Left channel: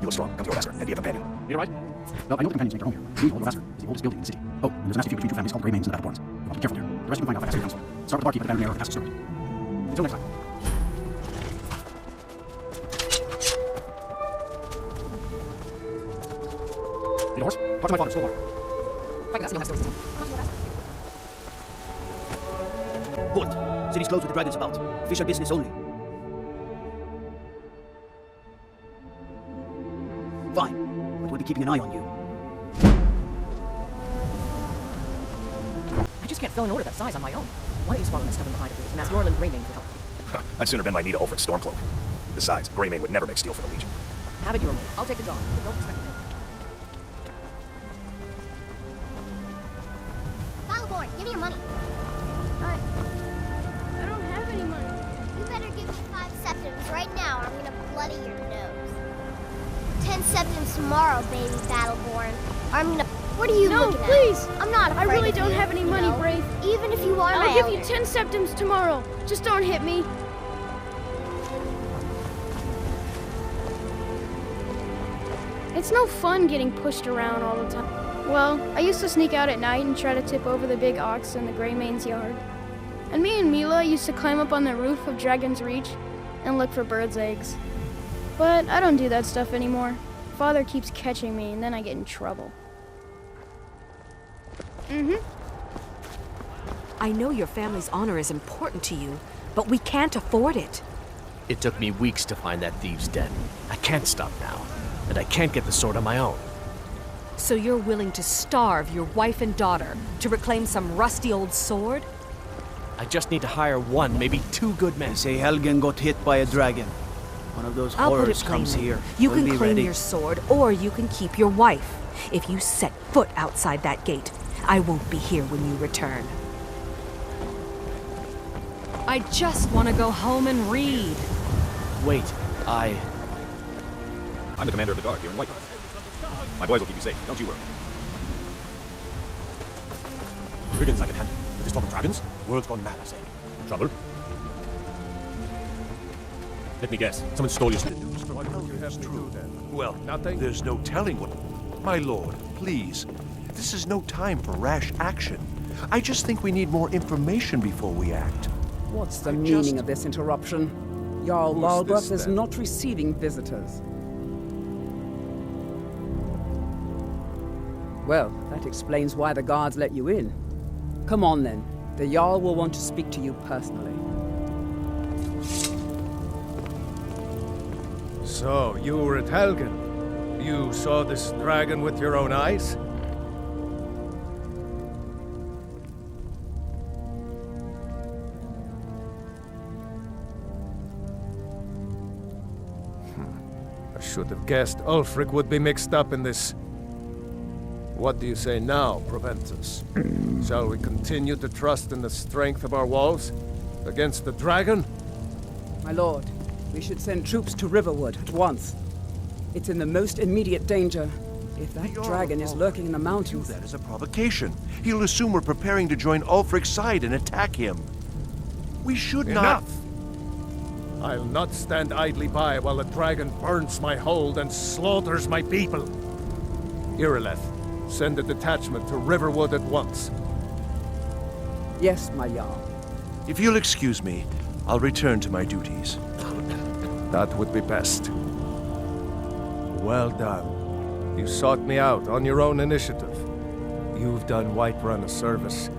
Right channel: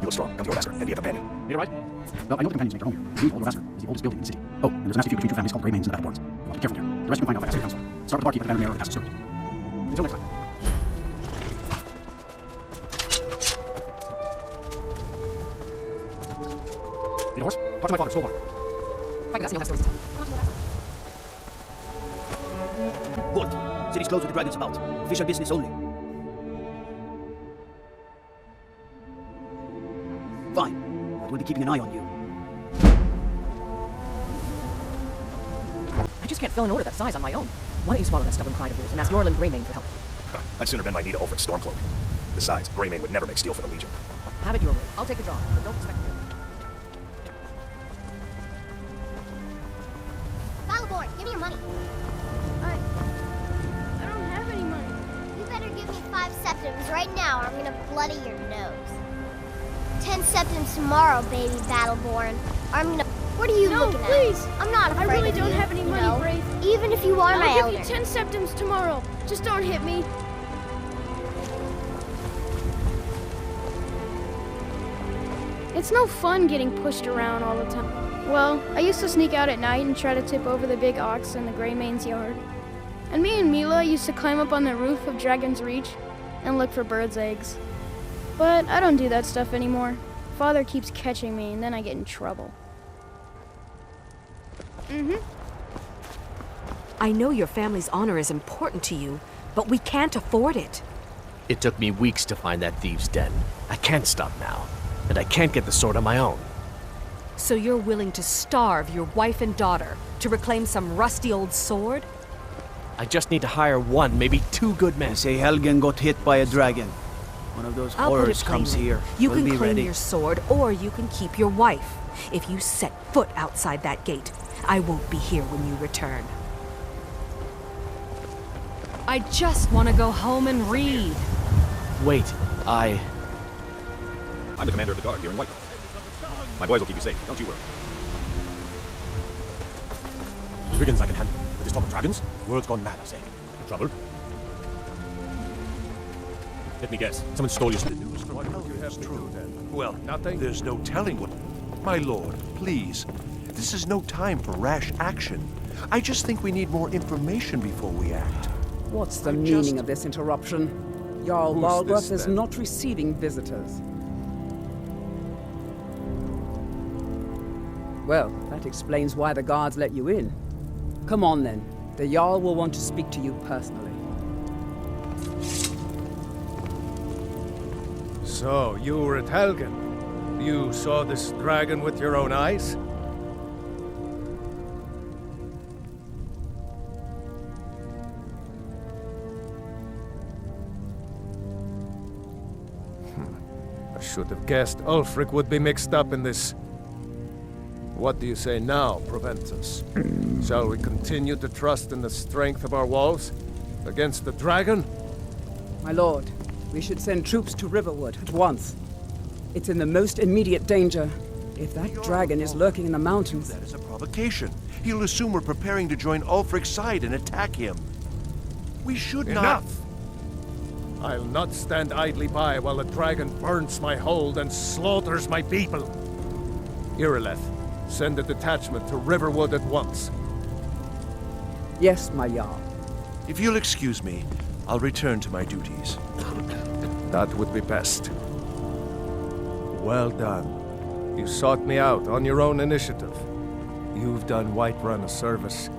You look strong, but you're faster, and you have a companion. You all right? Well, I know the companions make their home. The old Faster is the oldest building in the city. Oh, and there's a massive feud between two families called Grey Manes and the Battleborns. Well, be careful here. The rest you can find out by asking them. Start with the barkeep at the beginning of the fastest story. Until next time. Hey, Doris, talk to my father, so long. What? City's closed with the dragons about. Fisher business only. Fine, but we'll be keeping an eye on you. I just can't fill an order that size on my own. Why don't you swallow this stubborn pride of yours and ask Norland Greymane for help? I'd sooner bend my knee to Ulfric's Stormcloak. Besides, Greymane would never make steel for the Legion. Have it your way. I'll take the job. Don't expect me. Battleborn, give me your money. I don't have any money. You better give me 5 septims right now or I'm gonna bloody your nose. 10 septims tomorrow, baby Battleborn. Or I'm gonna... What are you looking at? No, please. I'm not afraid I really of don't you, have any you money, know? Brave. Even if you are my I'll give elder. you 10 septims tomorrow. Just don't hit me. It's no fun getting pushed around all the time. Well, I used to sneak out at night and try to tip over the big ox in the Greymane's yard. And me and Mila used to climb up on the roof of Dragon's Reach and look for birds' eggs. But I don't do that stuff anymore. Father keeps catching me and then I get in trouble. I know your family's honor is important to you, but we can't afford it. It took me weeks to find that thieves' den. I can't stop now, and I can't get the sword on my own. So you're willing to starve your wife and daughter to reclaim some rusty old sword? I just need to hire one, maybe 2 good men. They say Helgen got hit by a dragon. One of those I'll put it horrors comes plainly. here. You We'll can be claim ready. your sword, or you can keep your wife. If you set foot outside that gate, I won't be here when you return. I just want to go home and read. Wait, I'm the commander of the guard here in Whiterun. My boys will keep you safe, don't you worry. Dragons I can handle. Just talk of dragons? World's gone mad, I say. Trouble? Let me guess. Someone stole your... The news from Helgen is true, then. Well, nothing. There's no telling what... My lord, please. This is no time for rash action. I just think we need more information before we act. What's the meaning of this interruption? Jarl Who's Balgruuf this, is then? not receiving visitors. Well, that explains why the guards let you in. Come on then. The Jarl will want to speak to you personally. So, you were at Helgen. You saw this dragon with your own eyes? I should have guessed Ulfric would be mixed up in this. What do you say now, Proventus? Shall we continue to trust in the strength of our walls against the dragon? My lord, we should send troops to Riverwood at once. It's in the most immediate danger. If that dragon is lurking in the mountains... That is a provocation. He'll assume we're preparing to join Ulfric's side and attack him. We should not... Enough! I'll not stand idly by while the dragon burns my hold and slaughters my people. Irileth, send a detachment to Riverwood at once. Yes, my Jarl. If you'll excuse me, I'll return to my duties. That would be best. Well done. You sought me out on your own initiative. You've done Whiterun a service,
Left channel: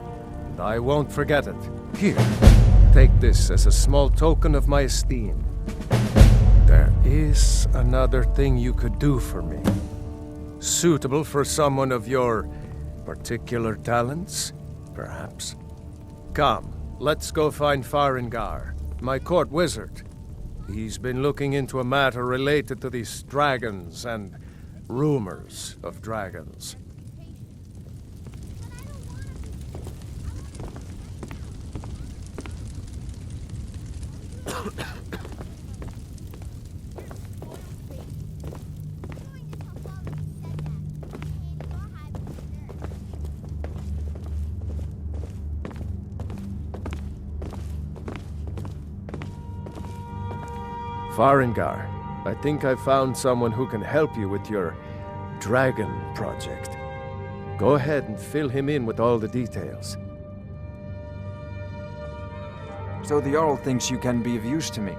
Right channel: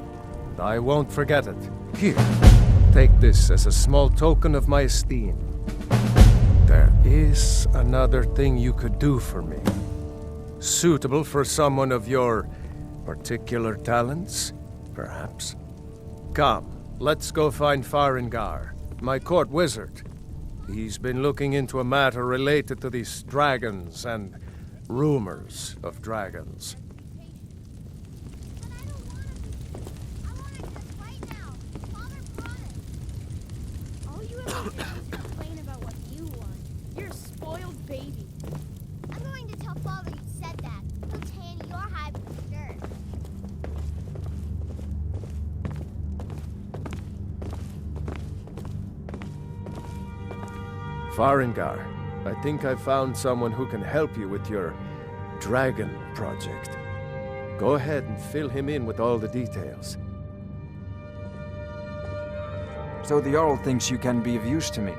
and I won't forget it. Here, take this as a small token of my esteem. There is another thing you could do for me. Suitable for someone of your particular talents, perhaps. Come, let's go find Farengar, my court wizard. He's been looking into a matter related to these dragons and rumors of dragons. You're a spoiled baby. I'm going to tell Father you said that. And you're hiding the skirt. Farengar, I think I found someone who can help you with your dragon project. Go ahead and fill him in with all the details. So the Jarl thinks you can be of use to me.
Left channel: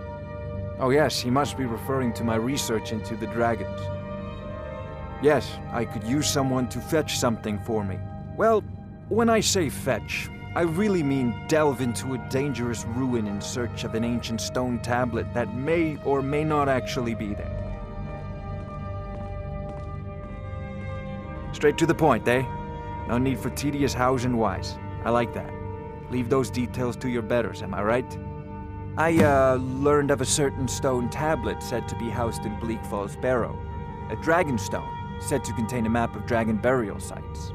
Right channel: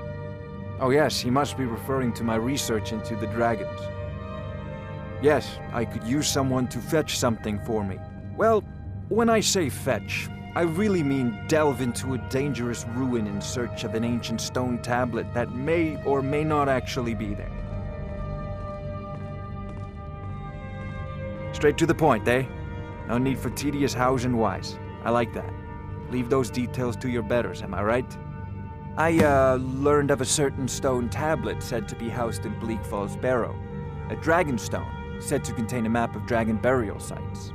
Oh yes, he must be referring to my research into the dragons. Yes, I could use someone to fetch something for me. Well, when I say fetch, I really mean delve into a dangerous ruin in search of an ancient stone tablet that may or may not actually be there. Straight to the point, eh? No need for tedious hows and whys. I like that. Leave those details to your betters, am I right? I learned of a certain stone tablet said to be housed in Bleak Falls Barrow. A Dragonstone, said to contain a map of dragon burial sites.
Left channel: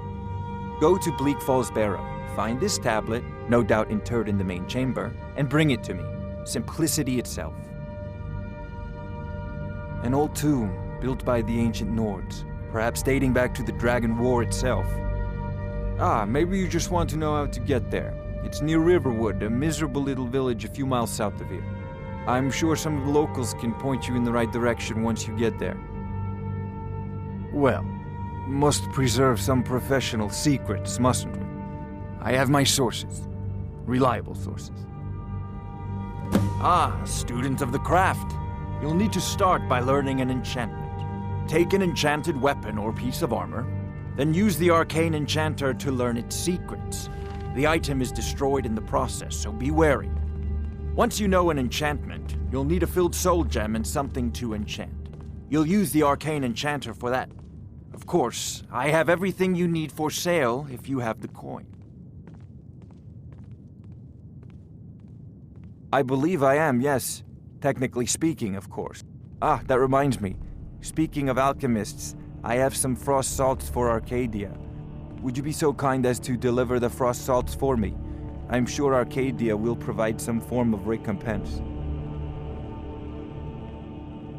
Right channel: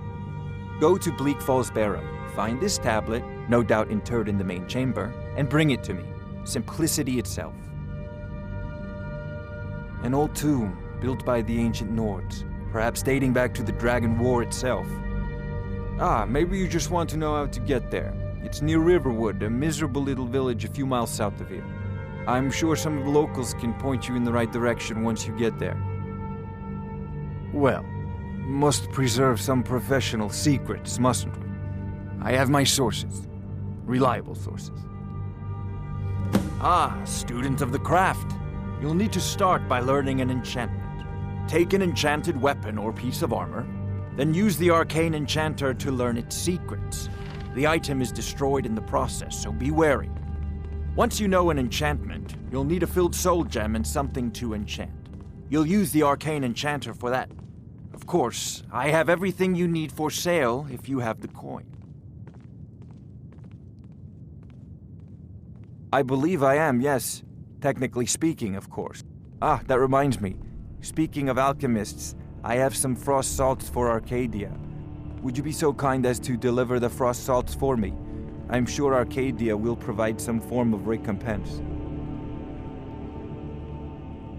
Go to Bleak Falls Barrow, find this tablet, no doubt interred in the main chamber, and bring it to me. Simplicity itself. An old tomb, built by the ancient Nords, perhaps dating back to the Dragon War itself. Ah, maybe you just want to know how to get there. It's near Riverwood, a miserable little village a few miles south of here. I'm sure some of the locals can point you in the right direction once you get there. Well, must preserve some professional secrets, mustn't we? I have my sources. Reliable sources. Ah, student of the craft. You'll need to start by learning an enchantment. Take an enchanted weapon or piece of armor, then use the arcane enchanter to learn its secrets. The item is destroyed in the process, so be wary. Once you know an enchantment, you'll need a filled soul gem and something to enchant. You'll use the arcane enchanter for that. Of course, I have everything you need for sale if you have the coin. I believe I am, yes. Technically speaking, of course. Ah, that reminds me. Speaking of alchemists, I have some frost salts for Arcadia. Would you be so kind as to deliver the frost salts for me? I'm sure Arcadia will provide some form of recompense.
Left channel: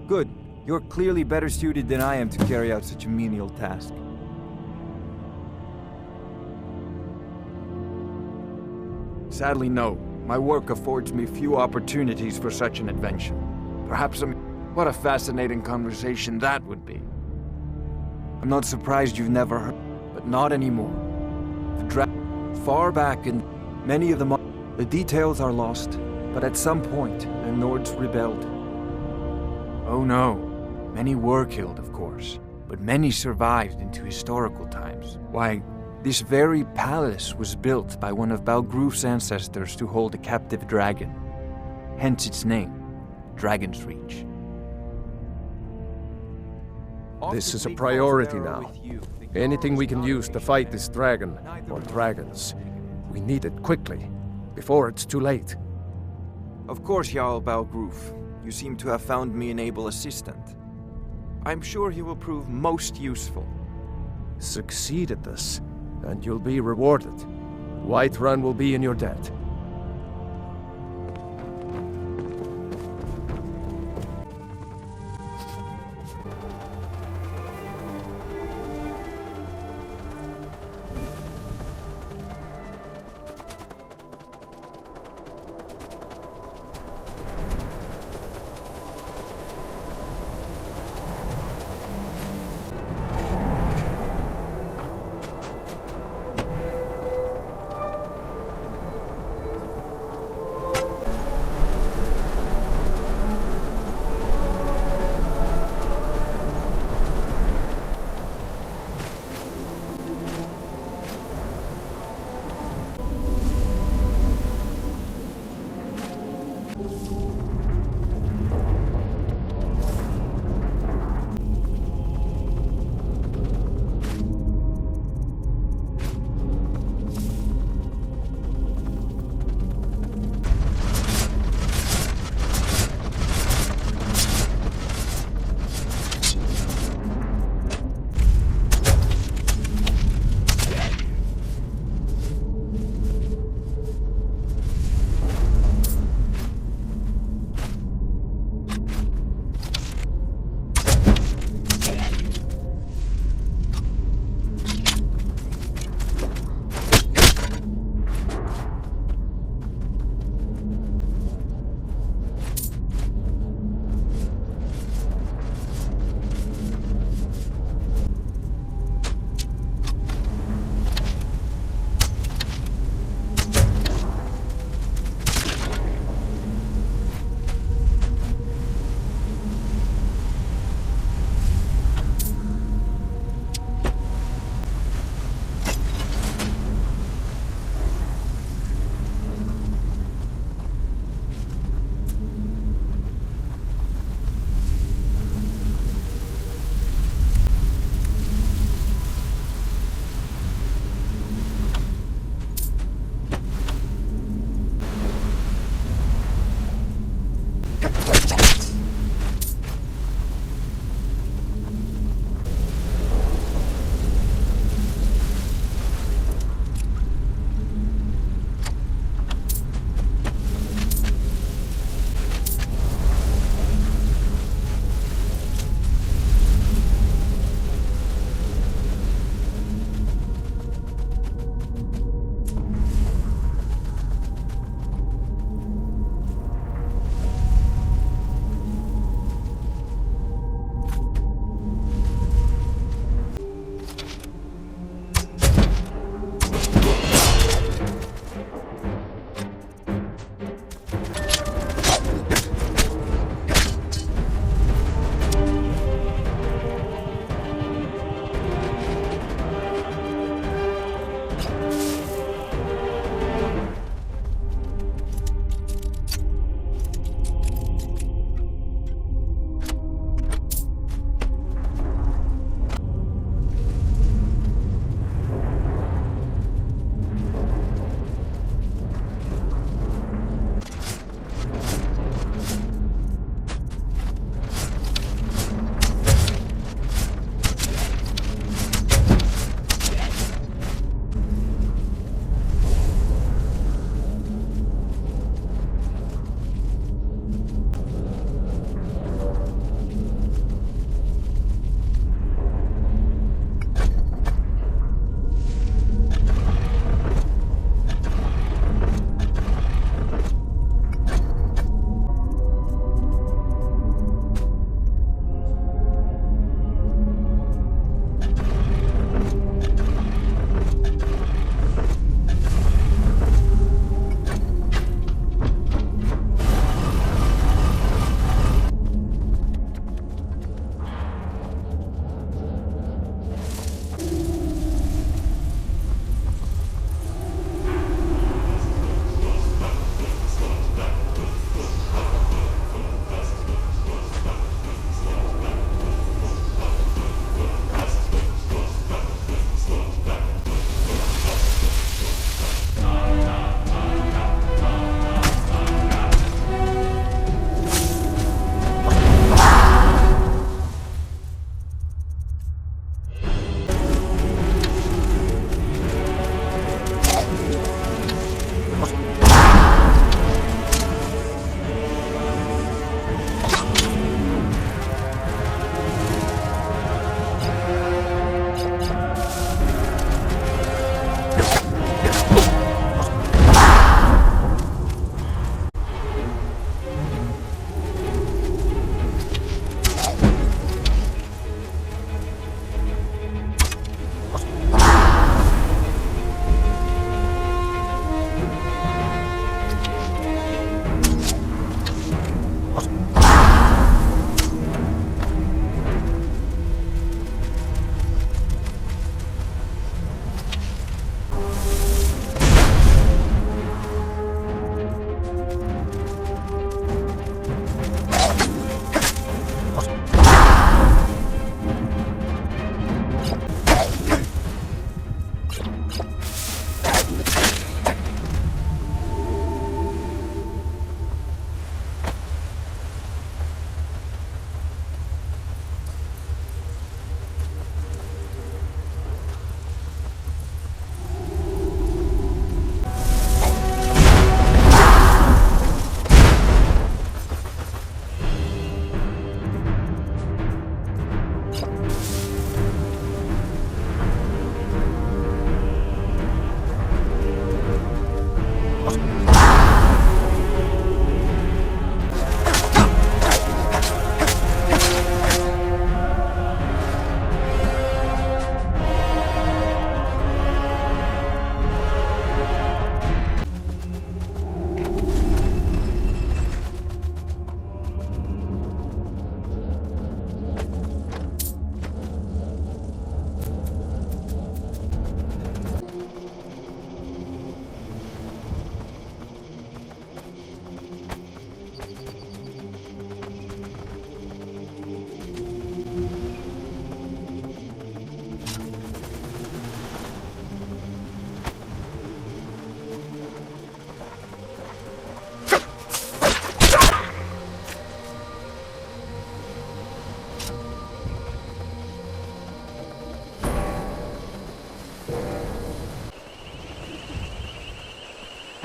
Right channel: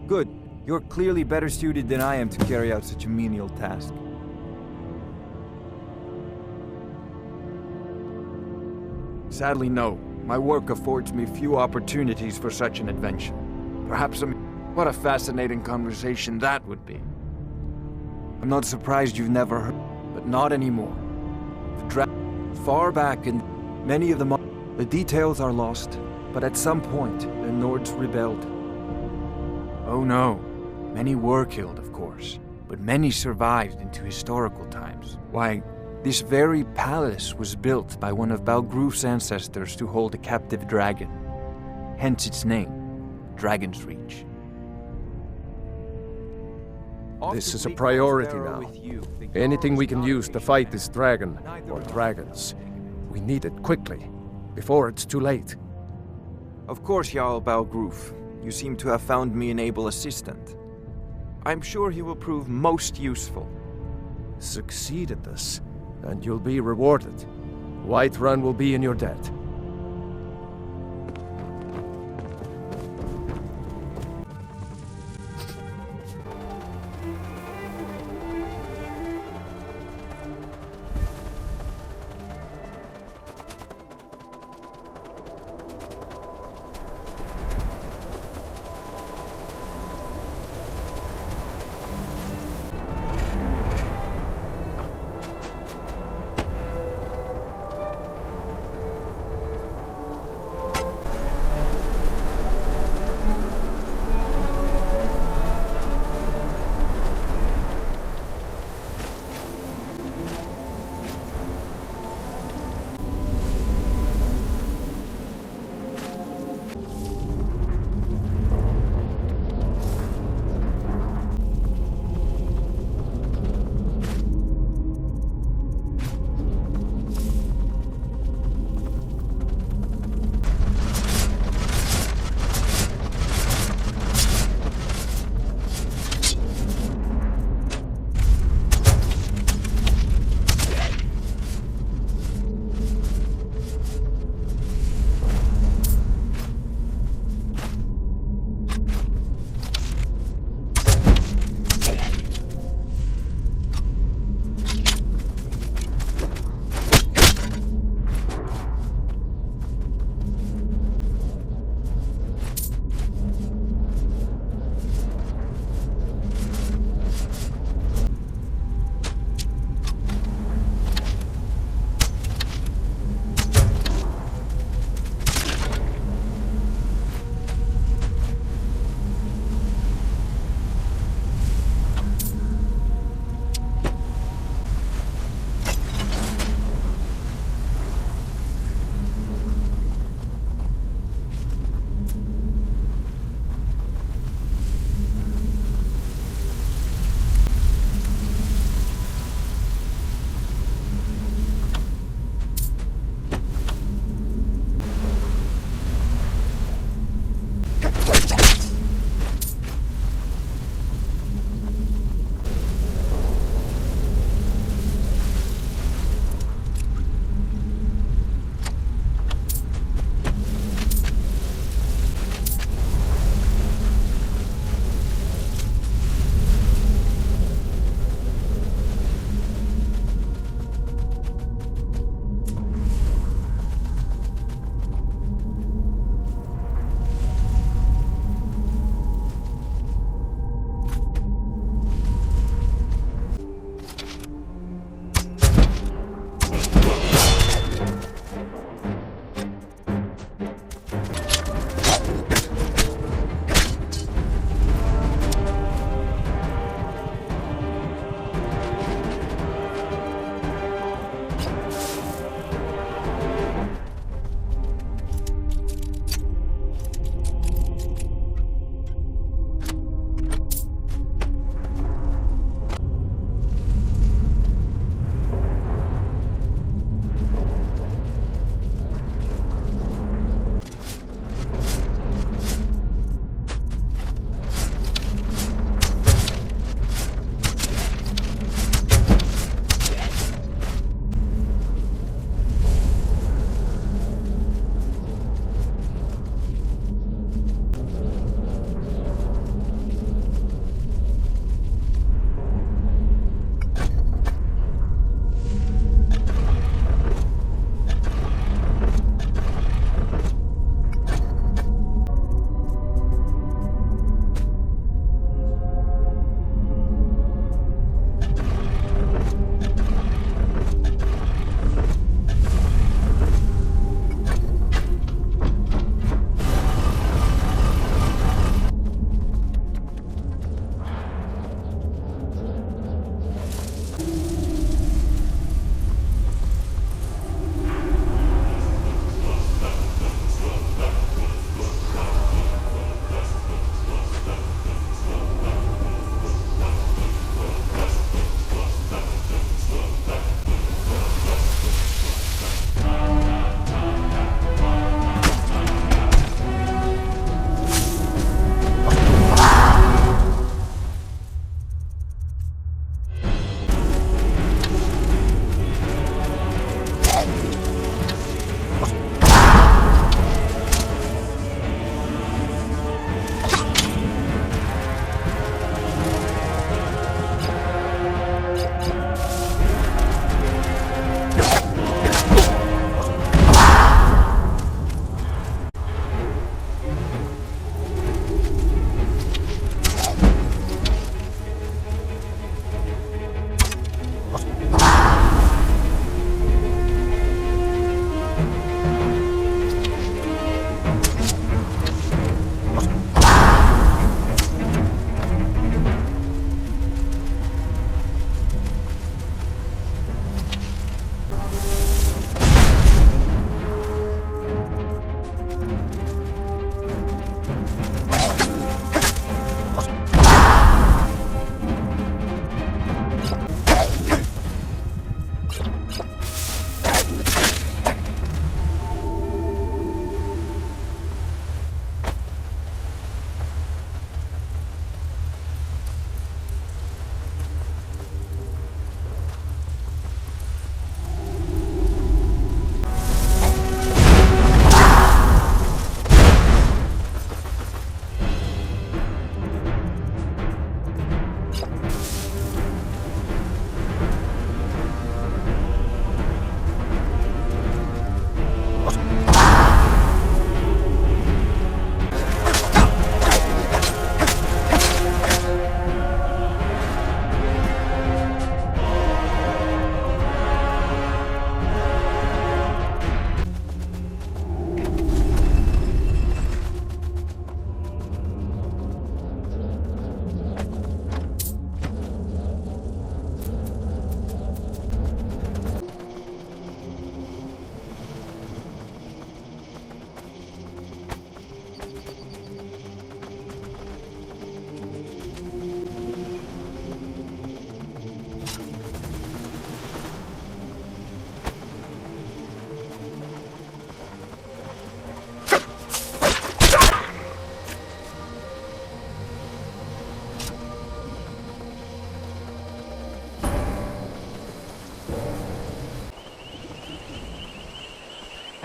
Good. You're clearly better suited than I am to carry out such a menial task. Sadly, no. My work affords me few opportunities for such an adventure. Perhaps what a fascinating conversation that would be. I'm not surprised you've never heard, but not anymore. Far back in many of the details are lost, but at some point, the Nords rebelled. Oh no. Many were killed, of course, but many survived into historical times. Why, this very palace was built by one of Balgruf's ancestors to hold a captive dragon. Hence its name, Dragon's Reach. This is a priority now. Anything we can use to fight this dragon, or dragons, we need it quickly, before it's too late. Of course, Jarl Balgruf. You seem to have found me an able assistant. I'm sure he will prove most useful. Succeed at this, and you'll be rewarded. Whiterun will be in your debt.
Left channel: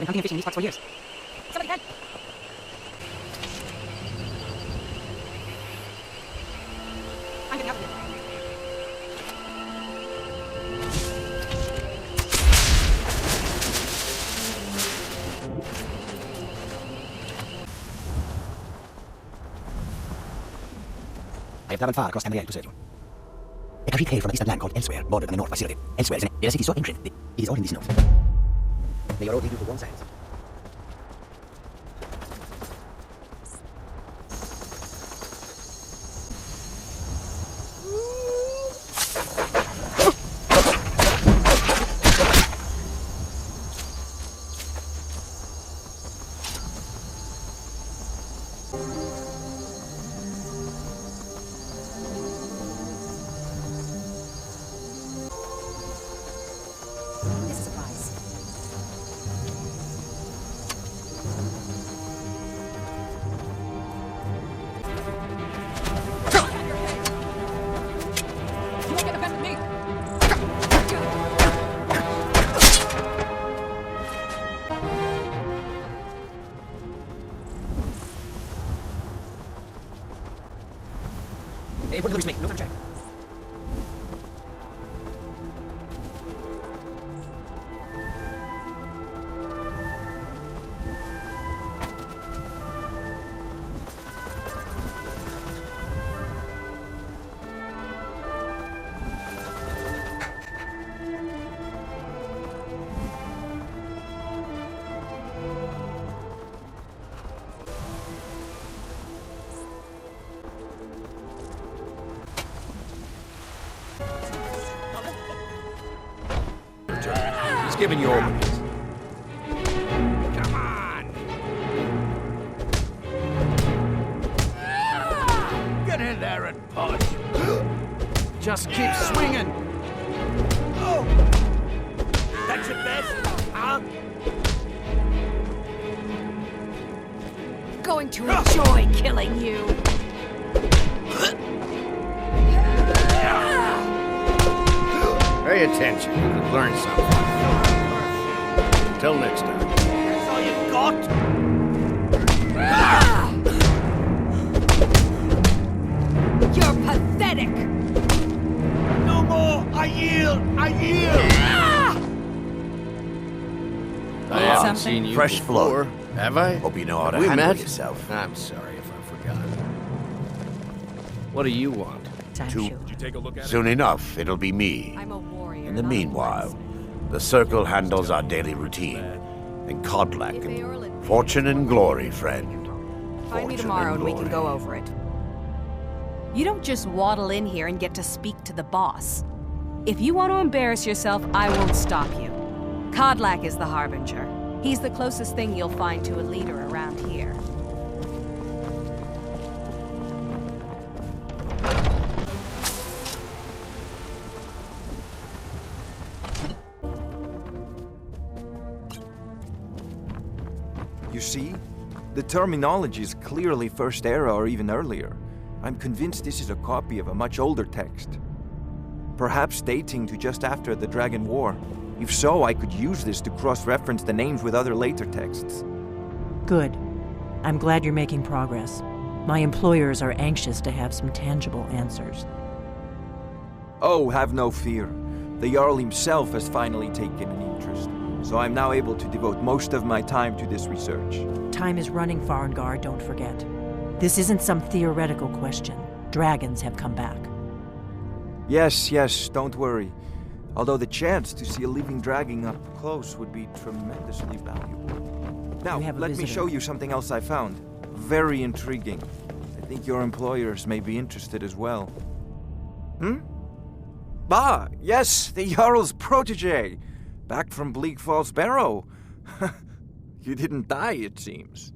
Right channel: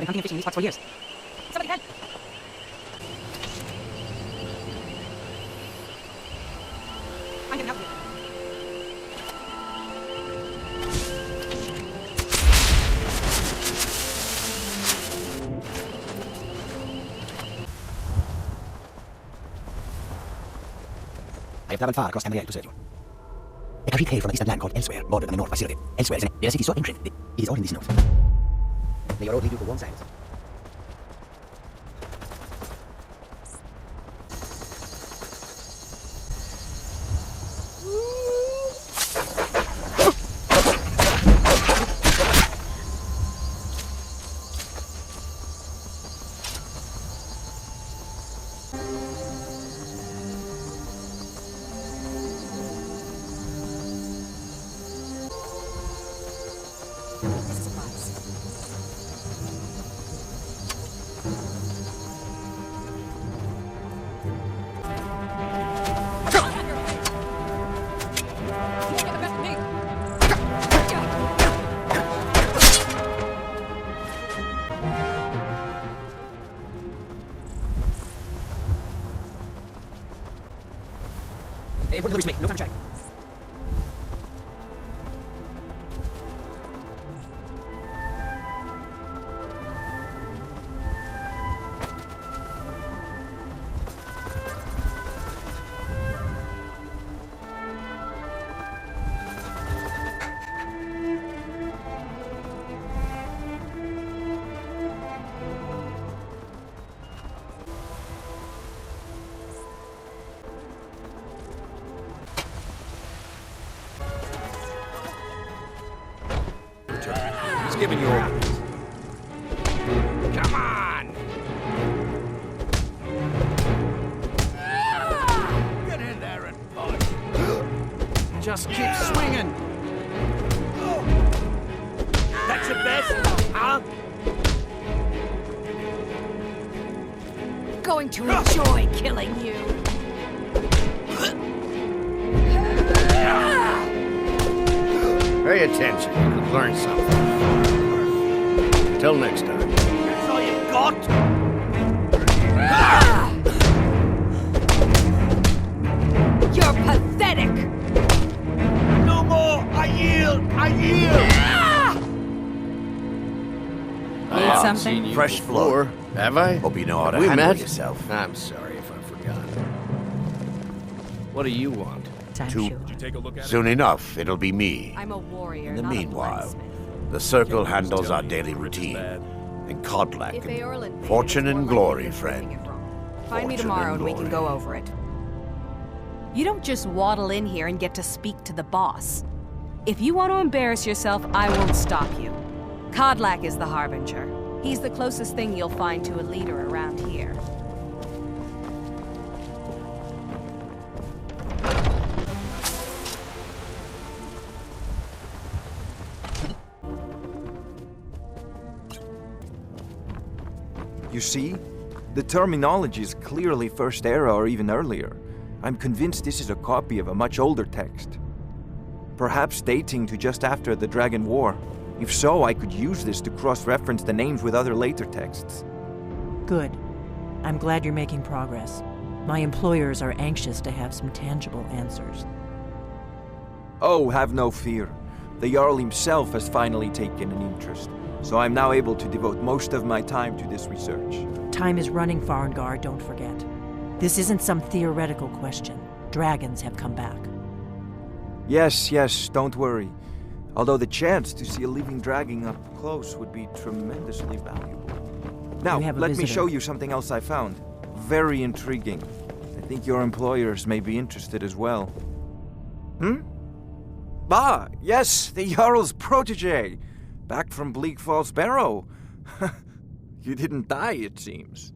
been hunting and fishing these spots for years. Somebody help! I'm getting out of here. I have traveled far across Tamriel to serve you. A complete tale from a distant land called Elsewhere, bordered on the north by Cyrodiil. Elsewhere is a city so ancient, it is all in this note. May your old lead you to warm silence. Everyone hurries me. No time to check. He's giving you orders. Come on! Get in there and push. Just keep swinging. That's your best, huh? Going to enjoy killing you. Pay attention, you could learn something. Till next time. That's all you've got? You're pathetic. No more! I yield! I yield! I haven't something? seen you Fresh before, blood. have I? Hope you know how to We handle met? yourself. I'm sorry if I've forgotten. What do you want? Soon enough, it'll be me. I'm a warrior. In the not a meanwhile, blacksmith. the Circle handles our daily routine. And Kodlak, If Eorlund and pays, fortune and we're glory, likely to friend. bring it wrong. Find me Fortune tomorrow and and we can glory. go over it. You don't just waddle in here and get to speak to the boss. If you want to embarrass yourself, I won't stop you. Kodlak is the Harbinger. He's the closest thing you'll find to a leader around here. You see? The terminology is clearly First Era or even earlier. I'm convinced this is a copy of a much older text. Perhaps dating to just after the Dragon War. If so, I could use this to cross-reference the names with other later texts. Good. I'm glad you're making progress. My employers are anxious to have some tangible answers. Oh, have no fear. The Jarl himself has finally taken an interest, so I'm now able to devote most of my time to this research. Time is running, Farengar, don't forget. This isn't some theoretical question. Dragons have come back. Yes, don't worry. Although the chance to see a living dragon up close would be tremendously valuable. Now, You have a let me visitor. show you something else I found. Very intriguing. I think your employers may be interested as well. Ah, yes, the Jarl's protege. Back from Bleak Falls Barrow. You didn't die, it seems.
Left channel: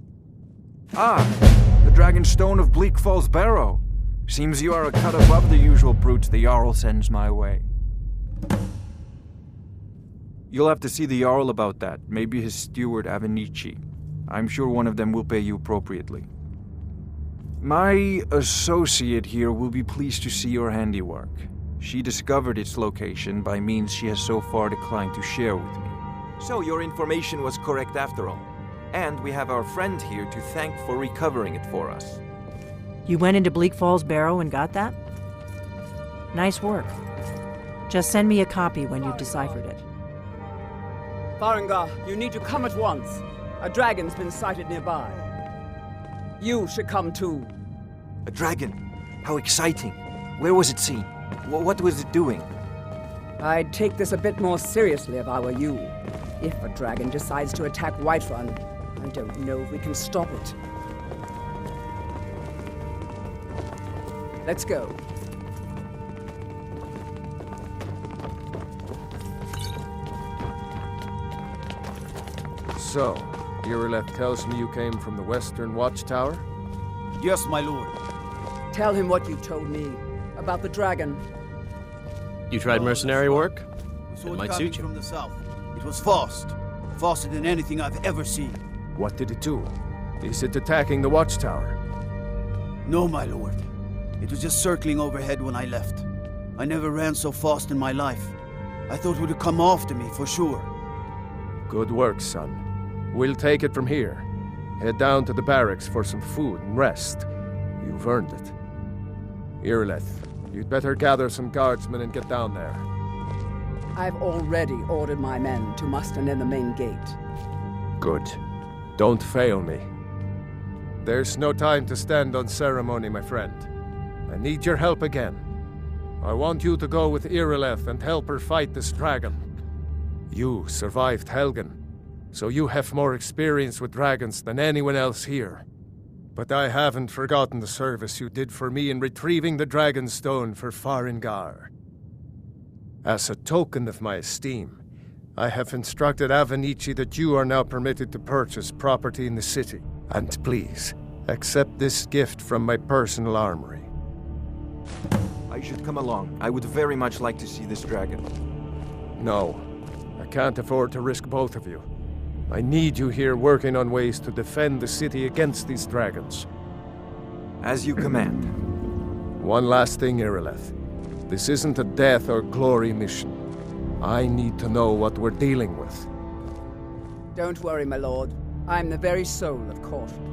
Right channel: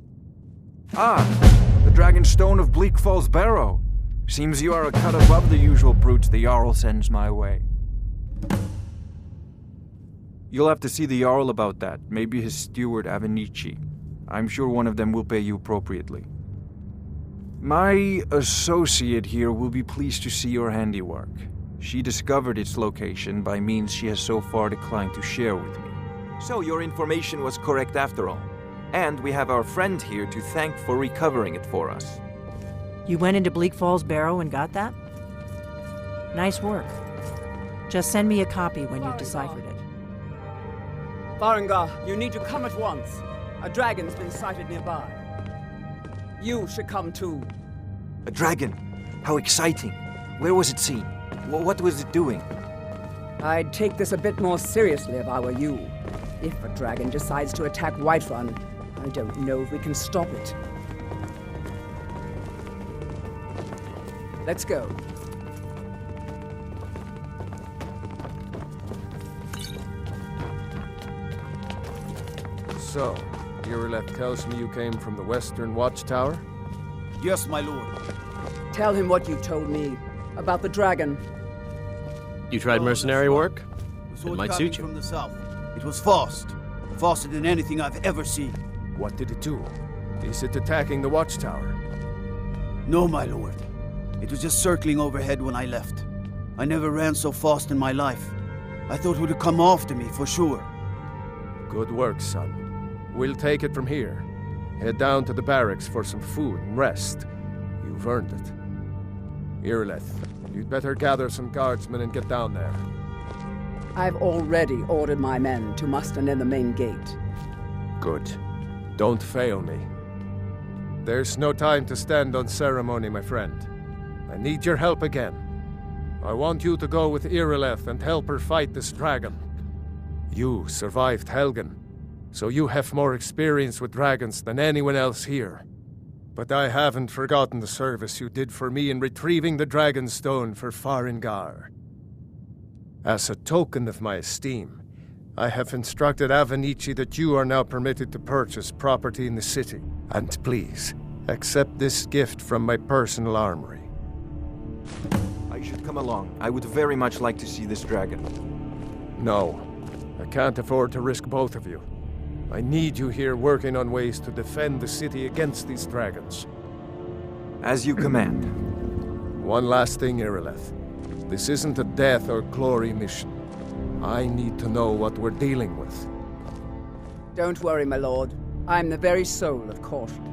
Ah, the Dragonstone of Bleak Falls Barrow. Seems you are a cut above the usual brutes the Jarl sends my way. You'll have to see the Jarl about that. Maybe his steward, Avenici. I'm sure one of them will pay you appropriately. My associate here will be pleased to see your handiwork. She discovered its location by means she has so far declined to share with me. So your information was correct after all. And we have our friend here to thank for recovering it for us. You went into Bleak Falls Barrow and got that? Nice work. Just send me a copy when you've deciphered it. Farengar, you need to come at once. A dragon's been sighted nearby. You should come too. A dragon? How exciting. Where was it seen? What was it doing? I'd take this a bit more seriously if I were you. If a dragon decides to attack Whiterun, I don't know if we can stop it. Let's go. So, Irileth tells me you came from the Western Watchtower? Yes, my lord. Tell him what you told me about the dragon. You tried mercenary work? We saw It it might coming suit you. from the south. It was fast. Faster than anything I've ever seen. What did it do? Is it attacking the Watchtower? No, my lord. It was just circling overhead when I left. I never ran so fast in my life. I thought it would come after me, for sure. Good work, son. We'll take it from here. Head down to the barracks for some food and rest. You've earned it. Irileth, you'd better gather some guardsmen and get down there. I've already ordered my men to muster near the main gate. Good. Don't fail me. There's no time to stand on ceremony, my friend. I need your help again. I want you to go with Irileth and help her fight this dragon. You survived Helgen, so you have more experience with dragons than anyone else here. But I haven't forgotten the service you did for me in retrieving the Dragonstone for Farengar. As a token of my esteem, I have instructed Avenici that you are now permitted to purchase property in the city. And please, accept this gift from my personal armory. I should come along. I would very much like to see this dragon. No, I can't afford to risk both of you. I need you here working on ways to defend the city against these dragons. As you command. One last thing, Irileth. This isn't a death or glory mission. I need to know what we're dealing with. Don't worry, my lord. I'm the very soul of caution.